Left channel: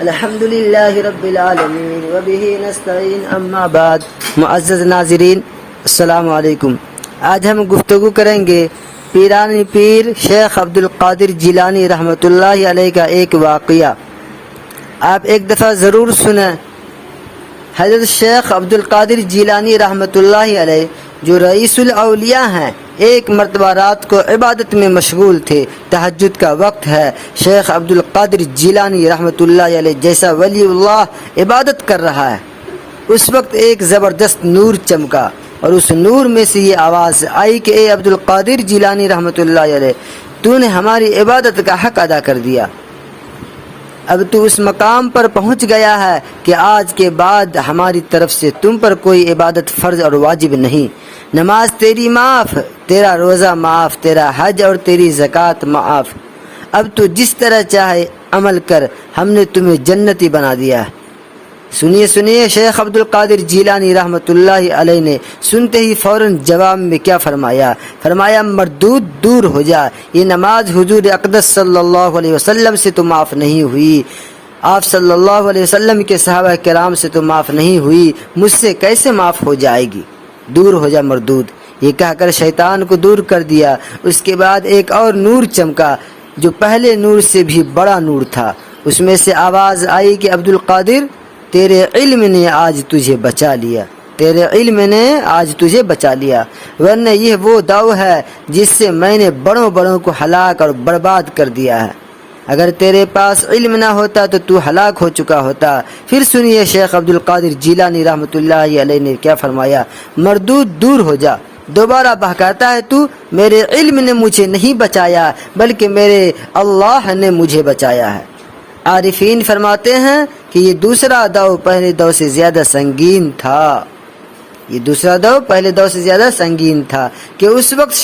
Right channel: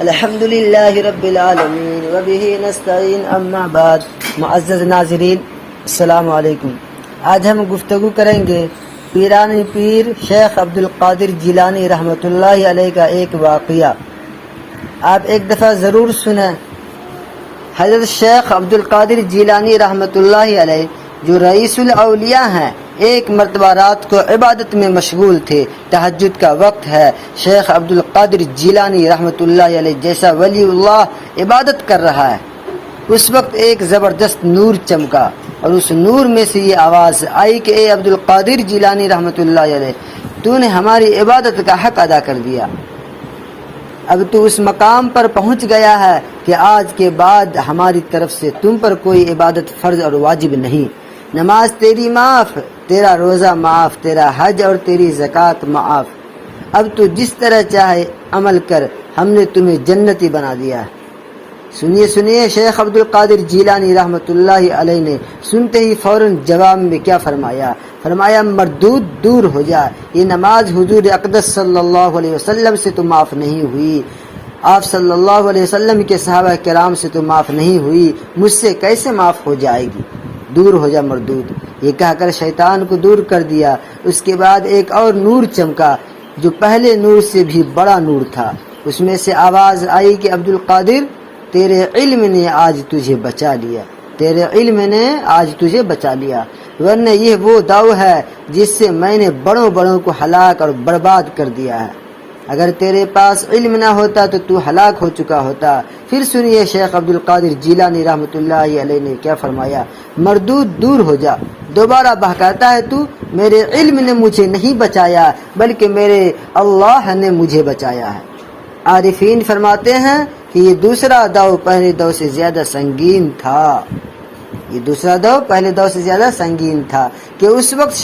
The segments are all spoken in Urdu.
الحمد للہ رب العالمین وبہ نستعین اما بعد۔ معزز ناظرین السلام علیکم۔ آج ہم گفتگو کریں گے پیران پیر شیخ عبد القادر جیلانی رحمۃ اللہ علیہ کا ایک واقعہ۔ آپ ایک دفعہ ضرور سنیں۔ حضرت شیخ عبد القادر جیلانی رحمۃ اللہ علیہ جو رئیس الاولیاء ہیں، ایک مرتبہ رات کو عبادت میں مشغول تھے۔ تہجد کا وقت ہے۔ شیخ عبد القادر جیلانی رحمۃ اللہ علیہ جیسا ولی اللہ عبادت کر رہا ہے، اس وقت ایک زبردست نور چمکا اور اس نور میں سے یہ آواز آئی کہ اے عبد القادر جیلانی رحمۃ اللہ علیہ، تو نے ہماری عبادت کا حق ادا کر دیا۔ اب تو اس مقام پر پہنچ گیا ہے کہ آج کے بعد ہماری طرف سے تم پر کوئی عبادت فرض اور واجب نہیں۔ نماز تیری معاف، تیرا روزہ معاف، تیرا حج اور تیری زکوٰۃ معاف۔ اب تو جس طرح چاہے عمل کر، ہم نے تمہیں جنتی بنا دیا ہے۔ سنیے شیخ عبد القادر جیلانی رحمۃ اللہ علیہ نے سنتے ہی فوراً جواب میں کیا فرمایا مردود دور ہو جا، یہ نماز حضور اقدس صلی اللہ علیہ وسلم سے تو معاف نہیں ہوئی، آپ صلی اللہ علیہ وسلم کے صحابہ کرام سے تو معاف نہیں ہوئی، مجھ سے کیسے معاف ہو جائے گی؟ دور ہو جا مردود۔ یہ کہہ کر شیطان کو دور کر دیا۔ اس کے بعد ایک اور نور چمکا جو پہلے نور سے بھی بڑا نور تھا۔ اس میں سے آواز آئی کہ عبد القادر، تیرے علم نے آج تجھے بچا لیا، تیرے علم نے آج تجھے بچا لیا، ورنہ یہ وہ داؤ ہے جس سے میں نے بڑوں کو ہلاک اور برباد کر دیا ہے۔ اگر تیرے پاس علم نہ ہوتا تو ہلاک ہو چکا ہوتا۔ پھر سنیے شیخ عبد القادر جیلانی رحمۃ اللہ علیہ نے کیا فرمایا، مردود دور ہو جا۔ دوبارہ بہکاتا ہے تو میرے علم نے مجھے نہیں بچایا بلکہ میرے اللہ نے مجھے بچایا ہے۔ عارفین فرماتے ہیں کہ یہ دوسرا داؤ پہلے داؤ سے زیادہ سنگین تھا، یہ دوسرا داؤ پہلے داؤ سے زیادہ سنگین تھا کہ اس وقت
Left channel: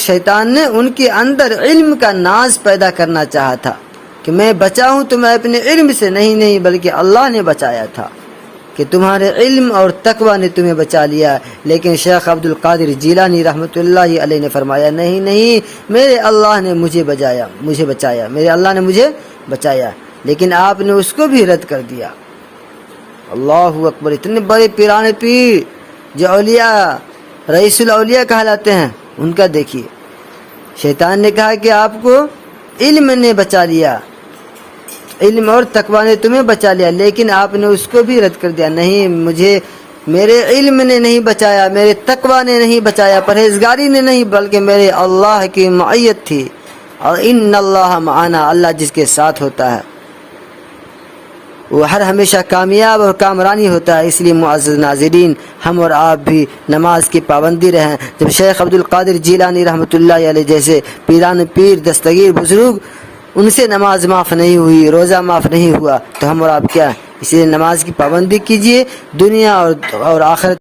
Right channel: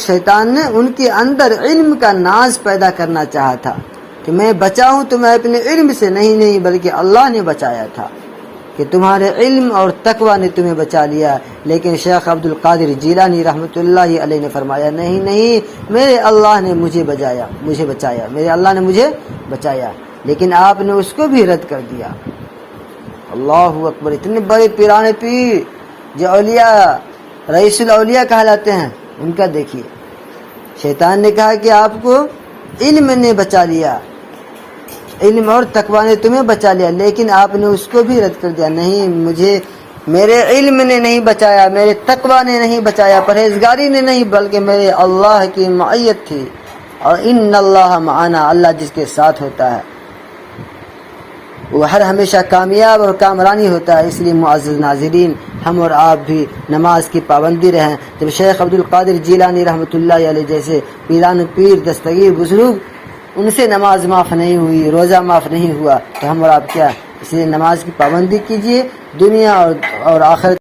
شیطان نے ان کے اندر علم کا ناز پیدا کرنا چاہا تھا کہ میں بچا ہوں تو میں اپنے علم سے نہیں بلکہ اللہ نے بچایا تھا کہ تمہارے علم اور تقوی نے تمہیں بچا لیا۔ لیکن شیخ عبد القادر جیلانی رحمۃ اللہ علیہ نے فرمایا نہیں، میرے اللہ نے مجھے بچایا، میرے اللہ نے مجھے بچایا، لیکن آپ نے اس کو بھی رد کر دیا۔ اللہ اکبر۔ اتنے بڑے پیران پیر جو اولیاء رئیس الاولیاء کہلاتے ہیں، ان کا دیکھیے، شیطان نے کہا کہ آپ کو علم نے بچا لیا، علم اور تقوی نے تمہیں بچا لیا، لیکن آپ نے اس کو بھی رد کر دیا۔ نہیں، میرے علم نے نہیں بچایا، میرے تقوی نے نہیں بچایا، پرہیزگاری نے نہیں، بلکہ میرے اللہ کی معیت تھی، اور ان اللہ معنا، اللہ جس کے ساتھ ہوتا ہے وہ ہر ہمیشہ کامیاب اور کامرانی ہوتا ہے۔ اس لیے معزز ناظرین، ہم اور آپ بھی نماز کی پابندی رہیں۔ جب شیخ عبد القادر جیلانی رحمۃ اللہ علیہ جیسے پیران پیر دستگیر بزرگ، ان سے نماز معاف نہیں ہوئی، روزہ معاف نہیں ہوا، تو ہم اور آپ کیا؟ اس لیے نماز کی پابندی کیجیے، دنیا اور آخرت